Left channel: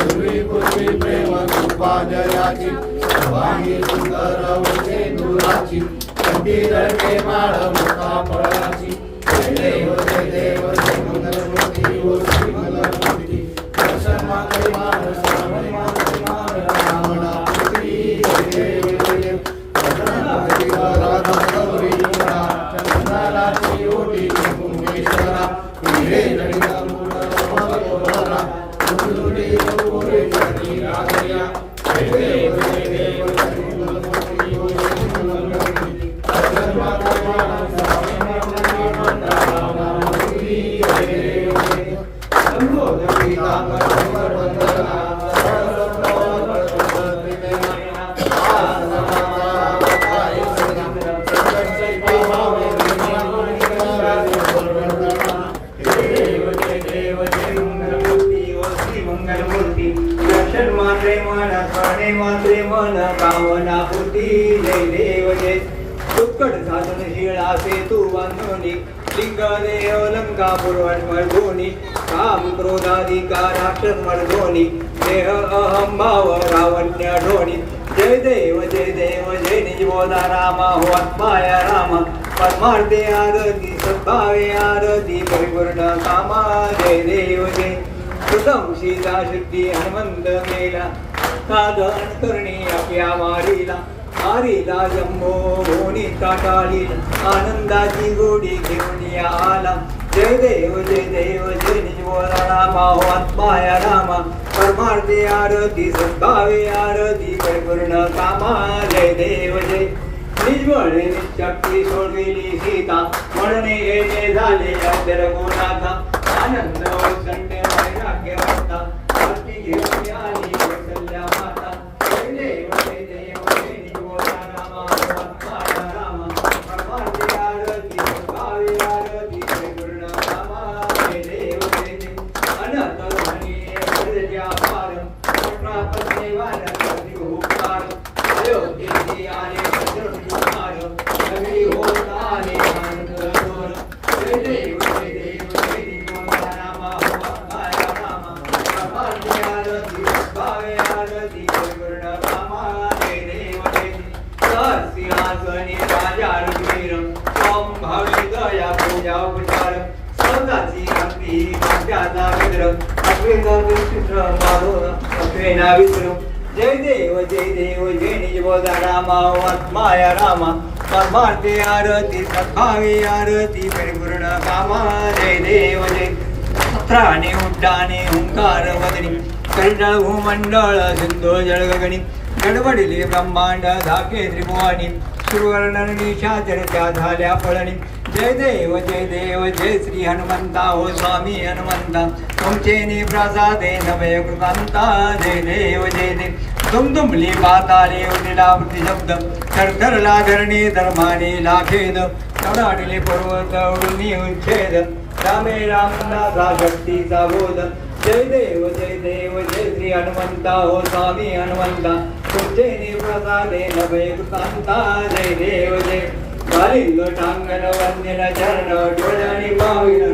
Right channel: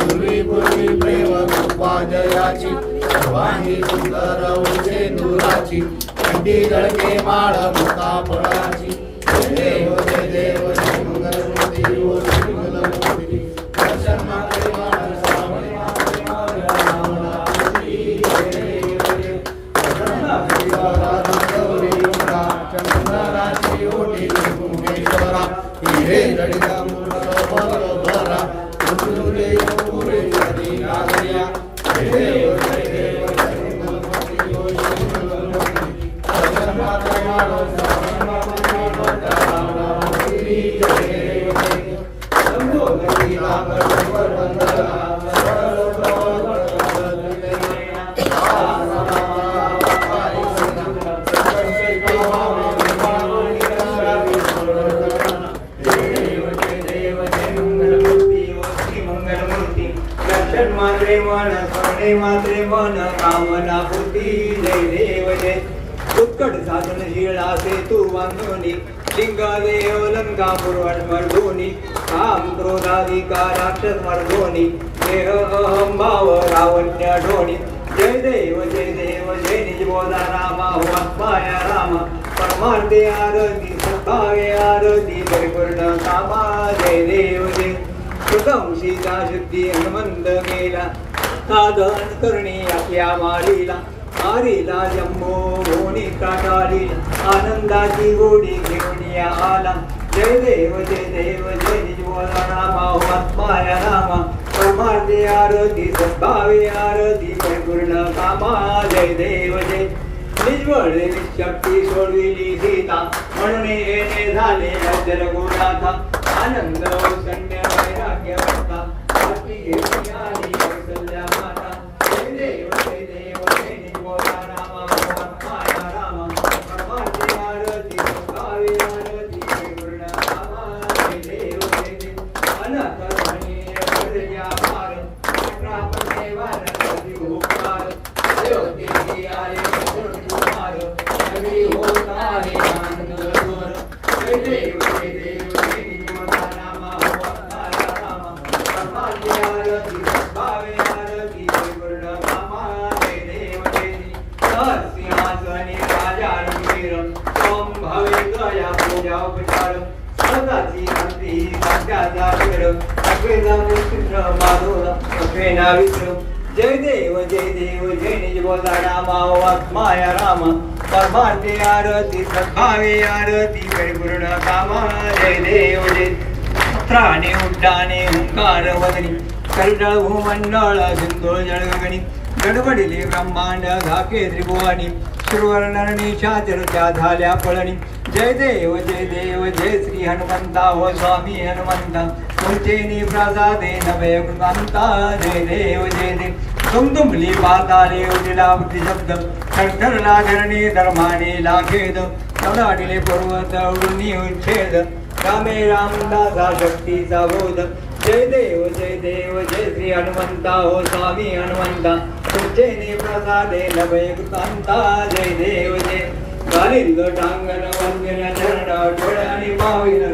पूर्वी पूर्वी प्रेम कृपा जयाची सर्वांगी सुंदर दुराची थंडी जळके माळ मुक्ता देव ते देव Hey, ready to. मात्रे मन कामना होती जय देव जय उत्कट साधन शिळा सेतू बांधवणी लिंगा काम देह अहम भाव रावण्य ढोणी जय देव जय देव जय निजबोधा रामा हो राम। परमार्थे आरती सद्भावे आरती परिपूर्ण जय देव जय। कृतम सीता शुद्धी हनुमंत केला साधन करणी आपल्या मारीला आरीला जम्बो भोनी टाटाली आनंदाची गोडी घेऊन आला. जय देव जय देव जय निजबोधा रामा हो आत्माया रामा परमार्थे आरती सद्भावे आरती परिपूर्ण कामा. जय देव जय. निज्वळ निशक्ती सोडविली सीता. म्हणणे येणे झाले अजर गुणाचा आनंद कामा जय देव जय देव राजा दया पूजा उपचार सदाची भक्ती मित्र अग्रेजा जय देव जय देव जय निज रामा आत्माय रामा. परमार्थे आरती सद्भावे आरती परिपूर्ण कामा जय देव जय त्राणे उड्डाणे हुंकार वदनी. करिटा भूमंडळ सिंधू जळगणी गडबडिले ब्रह्मांड झाके त्रिभुवानी सुरवर्णनी चर्चा झाल्या पळणी जय देव जय देव जय श्री हनुमंता हो स्वामी हनुमंता. उंचेनी प्रसादे नवे गुणवंता जय देव जय देव दुमदुमली पाताले उदिला शब्द. खरखरला धरणी धर्माने लाखेद. कडाडिले पर्वत उडून उच्छेद रामे रामदासा शक्तीचा बोध. जय देव जय देव जय श्री हनुमंता हो स्वामी हनुमंता तुमचे प्रसादे नभे कृतांता जय देव जय गालिंग टांगण वंदन चरण डोळ्यानी पाविल